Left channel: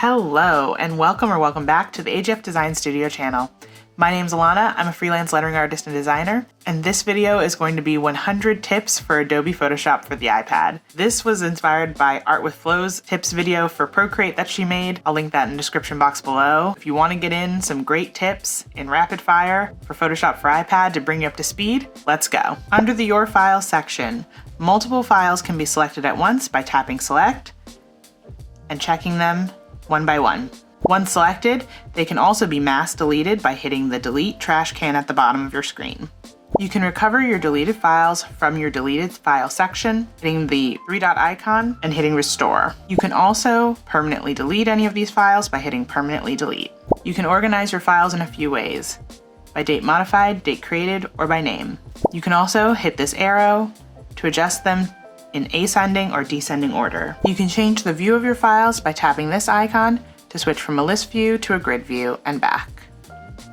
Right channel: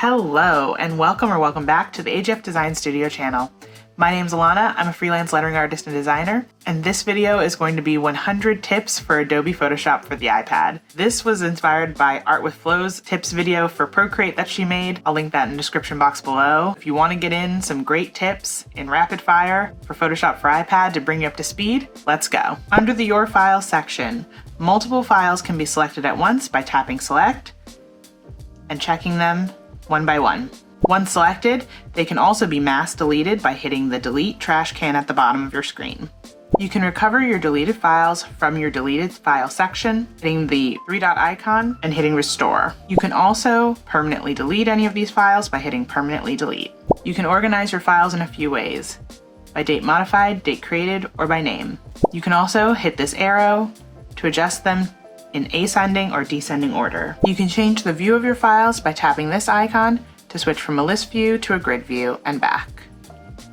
Hello and welcome back to the AJF Design Studio channel. My name's Alana, I'm a freelance lettering artist and designer, and this video is going to be 100 tips for Adobe Photoshop for the iPad. This was inspired by Art with Flow's tips video for Procreate that she made. I'll link that in the description box below. If you want to get in some great tips in rapid fire for Photoshop for iPad to bring you up to speed, let's go. Under the Your Files section, multiple files can be selected at once by tapping Select and checking them one by one. Once selected, they can also be mass deleted by hitting the Delete trash can at the bottom of your screen. You can recover your deleted files from your deleted file section, hitting the three-dot icon and hitting Restore. You can also permanently delete any of these files by hitting Permanently Delete. You can organize your files in a few ways: by date modified, date created, or by name. You can also hit this arrow to adjust them in ascending or descending order. You can change the view of your files by tapping this icon to switch from a list view to a grid view and back.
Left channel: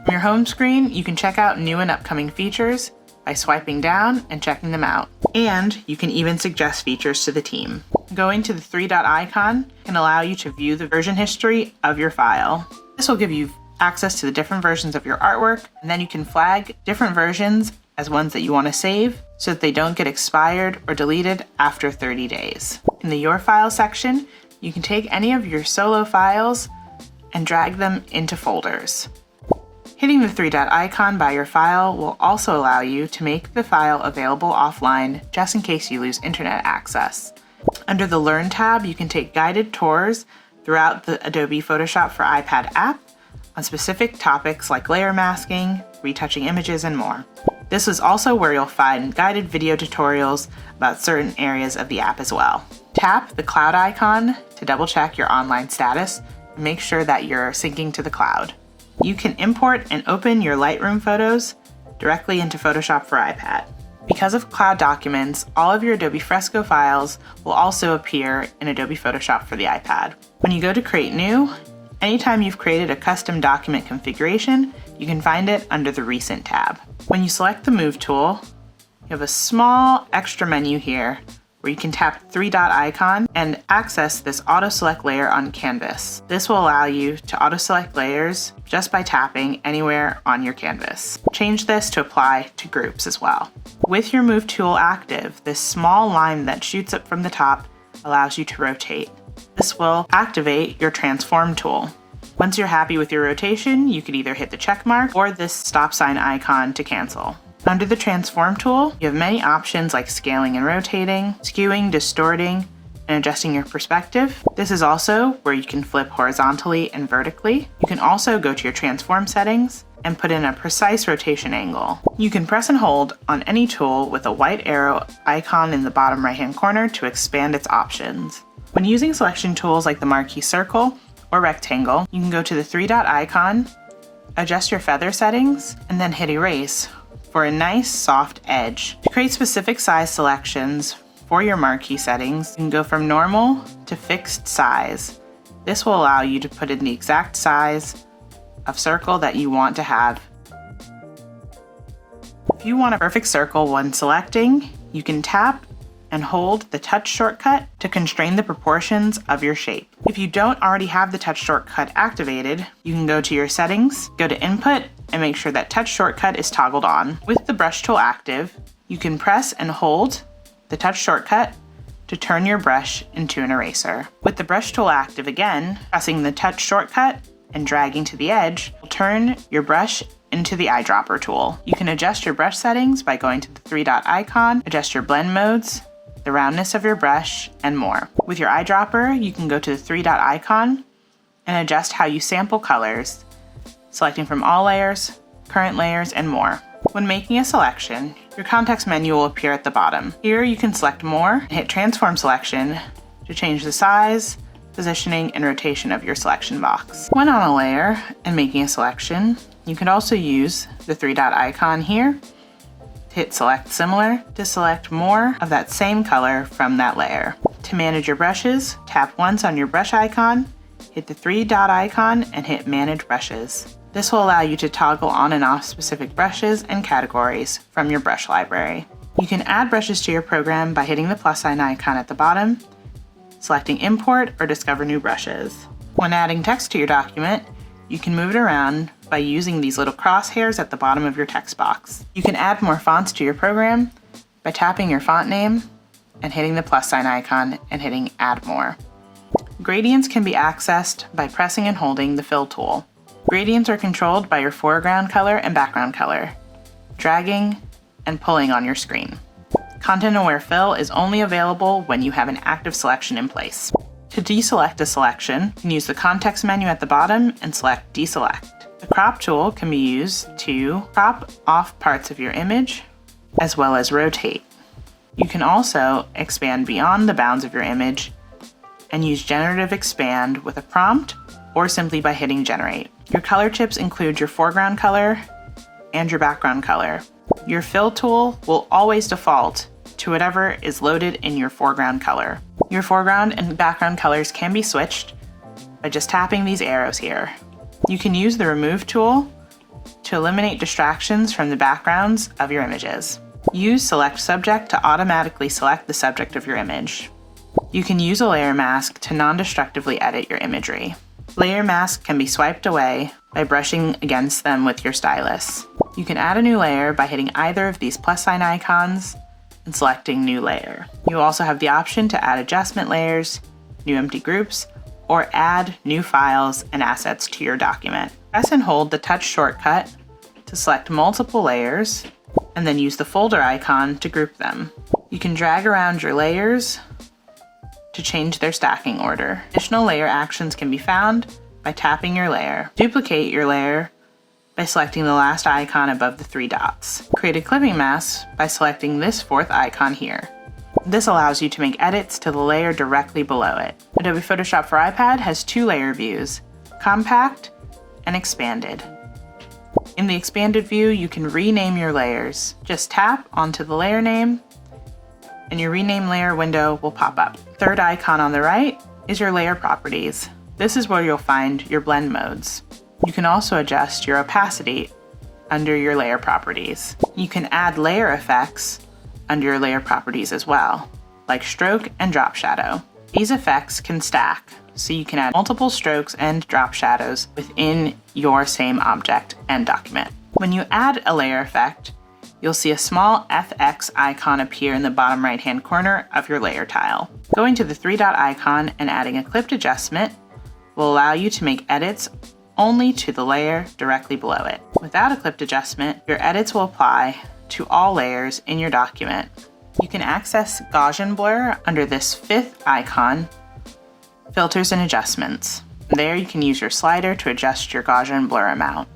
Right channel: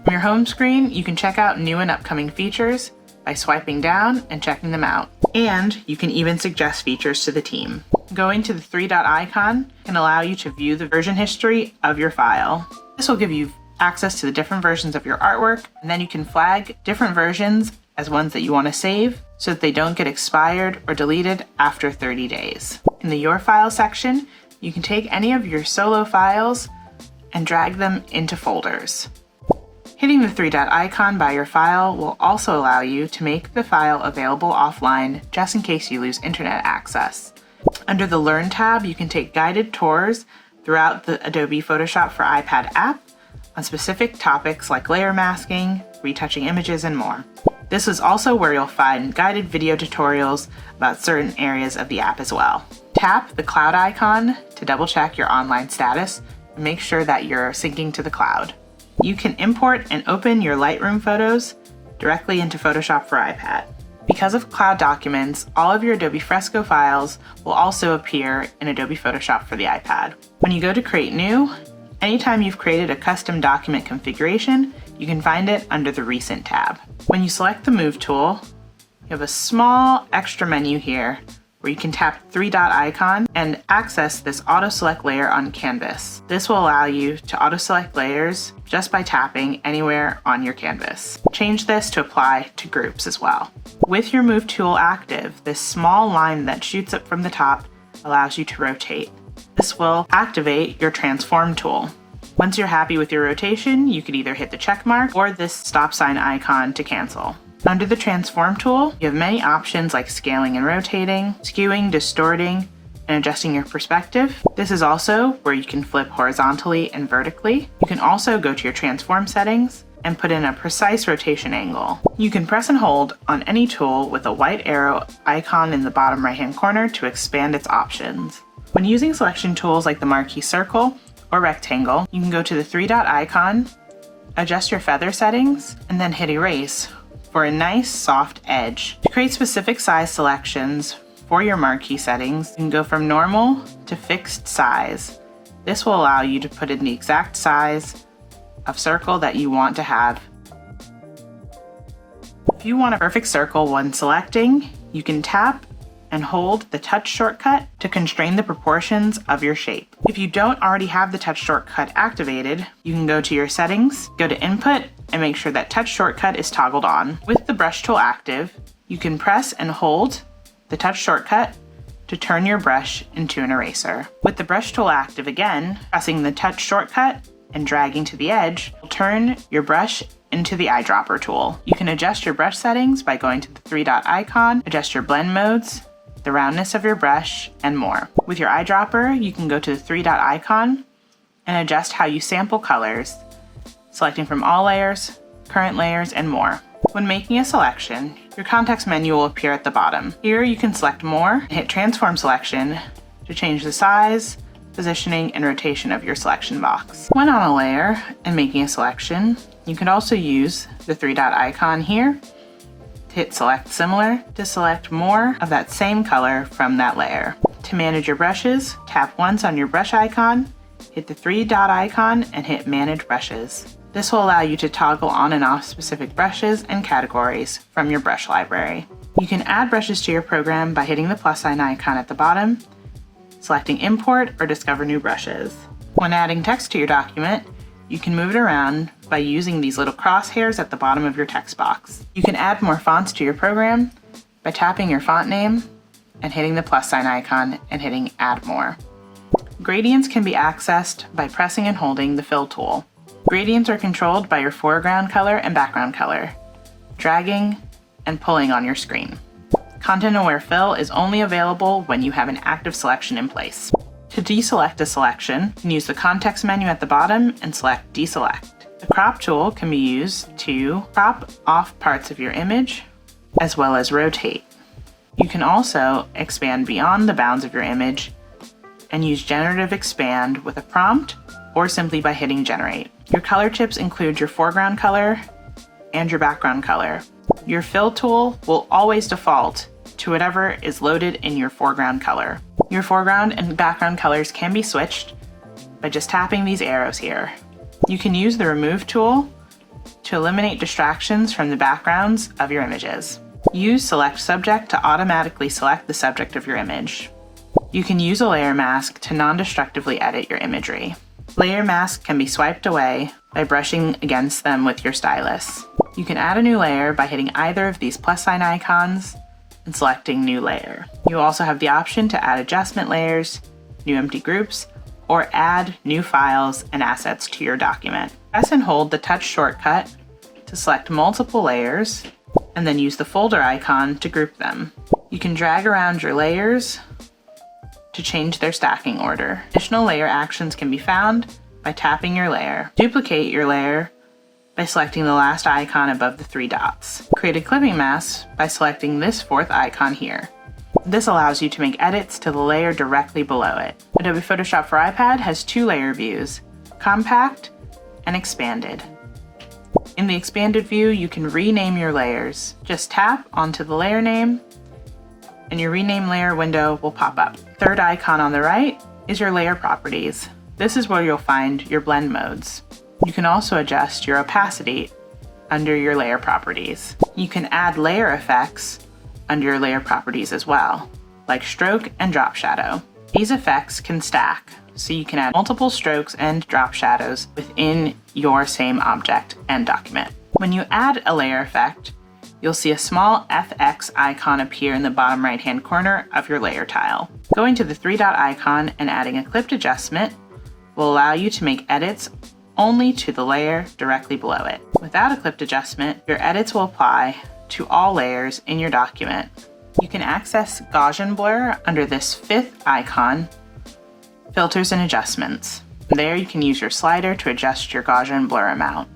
From your home screen, you can check out new and upcoming features by swiping down and checking them out. And you can even suggest features to the team. Going to the three-dot icon can allow you to view the version history of your file. This will give you access to the different versions of your artwork, and then you can flag different versions as ones that you want to save so that they don't get expired or deleted after 30 days. In the Your File section, you can take any of your solo files and drag them into folders. Hitting the three-dot icon by your file will also allow you to make the file available offline just in case you lose internet access. Under the Learn tab, you can take guided tours throughout the Adobe Photoshop for iPad app on specific topics like layer masking, retouching images, and more. This is also where you'll find guided video tutorials about certain areas of the app as well. Tap the cloud icon to double check your online status and make sure that you're syncing to the cloud. You can import and open your Lightroom photos directly into Photoshop for iPad. Because of cloud documents, all of your Adobe Fresco files will also appear in Adobe Photoshop for the iPad. When you go to Create New, anytime you've created a custom document configuration, you can find it under the Recent tab. When you select the Move tool, you have a small extra menu here where you can tap the three-dot icon and access this auto-select layer on canvas. This will allow you to auto-select layers just by tapping anywhere on your canvas. Change this to apply to groups as well. With your Move tool active, this small line that shoots up from the top allows you to rotate. This will activate your Transform tool. Once you're happy with your rotation, you can either hit the check mark or this stop sign icon to cancel. Under the Transform tool, you have many options like scaling and rotating, skewing, distorting, and adjusting your perspective. This is also where you can flip horizontally and vertically. You can also go to your Transform settings and put in a precise rotation angle. You can press and hold on any tool with a white arrow icon in the bottom right-hand corner to expand its options. When using selection tools like the marquee circle or rectangle, you can go to the three-dot icon, adjust your feather settings, and then hit Erase for a nice soft edge. To create specific size selections for your marquee settings, you can go from normal to fixed size. This will allow you to put in the exact size of circle that you want to have. If you want a perfect circle when selecting, you can tap and hold the touch shortcut to constrain the proportions of your shape. If you don't already have the touch shortcut activated, you can go to your settings, go to Input, and make sure that touch shortcut is toggled on. With the brush tool active, you can press and hold the touch shortcut to turn your brush into an eraser. With the brush tool active again, pressing the touch shortcut and dragging to the edge will turn your brush into the eyedropper tool. You can adjust your brush settings by going to the three-dot icon, adjust your blend modes, the roundness of your brush, and more. With your eyedropper, you can go to the three-dot icon and adjust how you sample colors, selecting from all layers, current layers, and more. When making a selection, your context menu will appear at the bottom. Here you can select more and hit Transform Selection to change the size, positioning, and rotation of your selection box. When on a layer and making a selection, you can also use the three-dot icon here to hit Select Similar to select more of that same color from that layer. To manage your brushes, tap once on your brush icon, hit the three-dot icon, and hit Manage Brushes. This will allow you to toggle on and off specific brushes and categories from your brush library. You can add brushes to your program by hitting the plus sign icon at the bottom, selecting Import or Discover New Brushes. When adding text to your document, you can move it around by using these little crosshairs at the bottom of your text box. You can add more fonts to your program by tapping your font name and hitting the plus sign icon and hitting Add More. Gradients can be accessed by pressing and holding the Fill tool. Gradients are controlled by your foreground color and background color, dragging and pulling on your screen. Content-aware fill is only available when you have an active selection in place. To deselect a selection, you can use the context menu at the bottom and select Deselect. The crop tool can be used to crop off parts of your image, as well as rotate. You can also expand beyond the bounds of your image and use generative expand with a prompt or simply by hitting generate. Your color tips include your foreground color and your background color. Your fill tool will always default to whatever is loaded in your foreground color. Your foreground and background colors can be switched by just tapping these arrows here. You can use the remove tool to eliminate distractions from the backgrounds of your images. Use select subject to automatically select the subject of your image. You can use a layer mask to non-destructively edit your imagery. Layer masks can be swiped away by brushing against them with your stylus. You can add a new layer by hitting either of these plus sign icons and selecting New Layer. You also have the option to add adjustment layers, new empty groups, or add new files and assets to your document. Press and hold the touch shortcut to select multiple layers, and then use the folder icon to group them. You can drag around your layers to change their stacking order. Additional layer actions can be found by tapping your layer. Duplicate your layer by selecting the last icon above the three dots. Create a clipping mask by selecting this fourth icon here. This allows you to make edits to the layer directly below it. Adobe Photoshop for iPad has two layer views, compact and expanded. In the expanded view, you can rename your layers. Just tap onto the layer name and your rename layer window will pop up. Third icon on the right is your layer properties. This is where you'll find your blend modes. You can also adjust your opacity under your layer properties. You can add layer effects under your layer properties as well, like stroke and drop shadow. These effects can stack, so you can add multiple strokes and drop shadows within your same object and document. When you add a layer effect, you'll see a small FX icon appear in the bottom right-hand corner of your layer tile. Going to the three-dot icon and adding a clipped adjustment will allow you to make edits only to the layer directly below it. Without a clipped adjustment, your edits will apply to all layers in your document. You can access Gaussian blur under this fifth icon, filters and adjustments. There you can use your slider to adjust your Gaussian blur amount.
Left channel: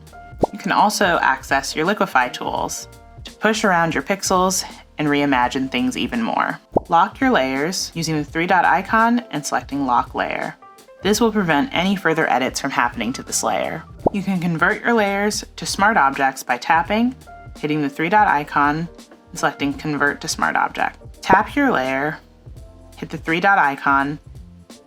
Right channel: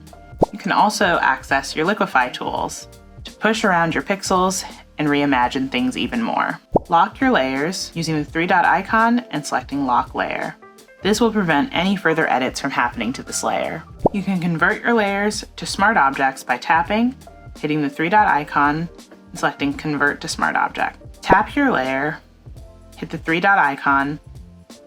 You can also access your liquify tools to push around your pixels and reimagine things even more. Lock your layers using the three-dot icon and selecting Lock Layer. This will prevent any further edits from happening to this layer. You can convert your layers to smart objects by tapping, hitting the three-dot icon, and selecting Convert to Smart Object. Tap your layer, hit the three-dot icon,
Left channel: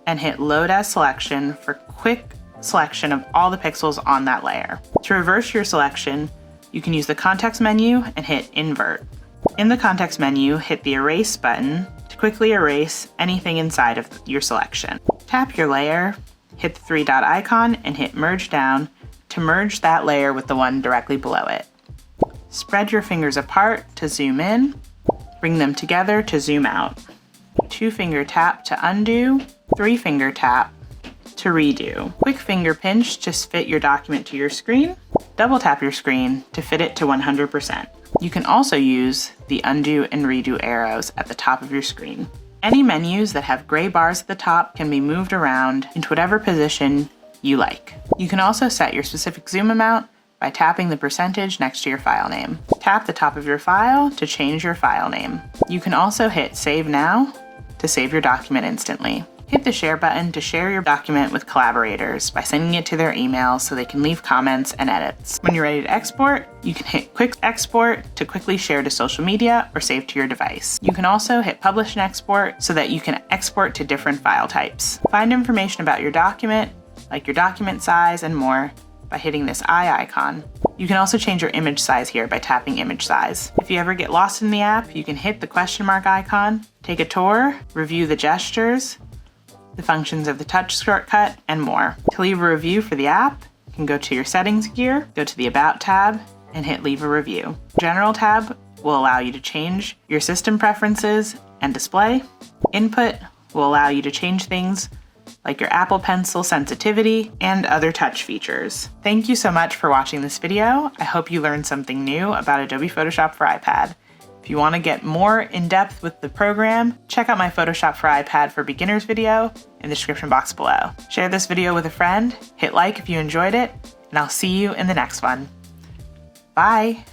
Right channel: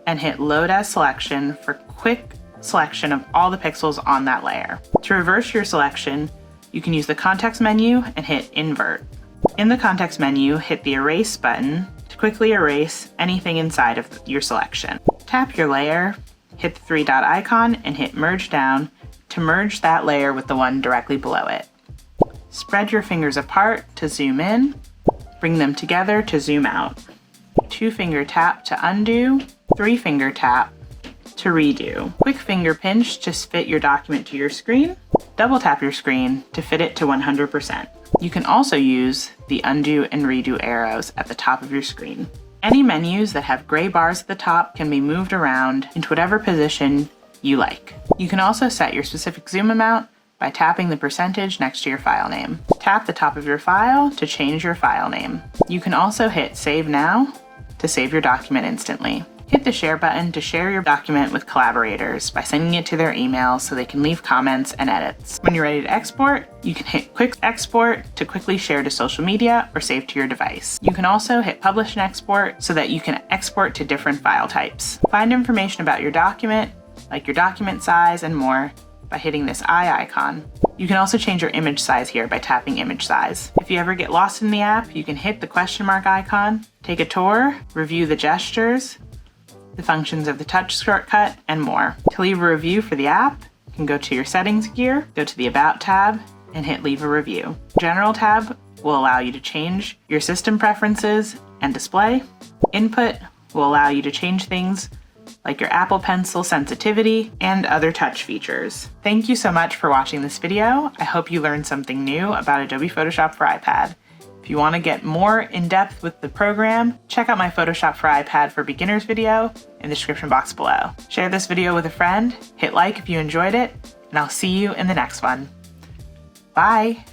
and hit Load as Selection for quick selection of all the pixels on that layer. To reverse your selection, you can use the context menu and hit Invert. In the context menu, hit the Erase button to quickly erase anything inside of your selection. Tap your layer, hit the three-dot icon, and hit Merge Down to merge that layer with the one directly below it. Spread your fingers apart to zoom in, bring them together to zoom out. Two-finger tap to undo, three-finger tap to redo. Quick finger pinch to fit your document to your screen. Double tap your screen to fit it to 100%. You can also use the undo and redo arrows at the top of your screen. Any menus that have gray bars at the top can be moved around into whatever position you like. You can also set your specific zoom amount by tapping the percentage next to your file name. Tap the top of your file to change your file name. You can also hit Save Now to save your document instantly. Hit the share button to share your document with collaborators by sending it to their email so they can leave comments and edits. When you're ready to export, you can hit Quick Export to quickly share to social media or save to your device. You can also hit Publish and Export so that you can export to different file types. Find information about your document, like your document size and more, by hitting this eye icon. You can also change your image size here by tapping image size. If you ever get lost in the app, you can hit the question mark icon, take a tour, review the gestures, the functions of the touch shortcut, and more. To leave a review for the app, you can go to your settings gear, go to the About tab, and hit Leave a Review. General tab will allow you to change your system preferences and display. Input will allow you to change things like your Apple Pencil sensitivity and other touch features. Thank you so much for watching this video. I hope you learned something new about Adobe Photoshop for iPad. If you want to get more in depth with the program, check out my Photoshop for iPad for Beginners video in the description box below. Share this video with a friend, hit like if you enjoyed it, and I'll see you in the next one. Bye!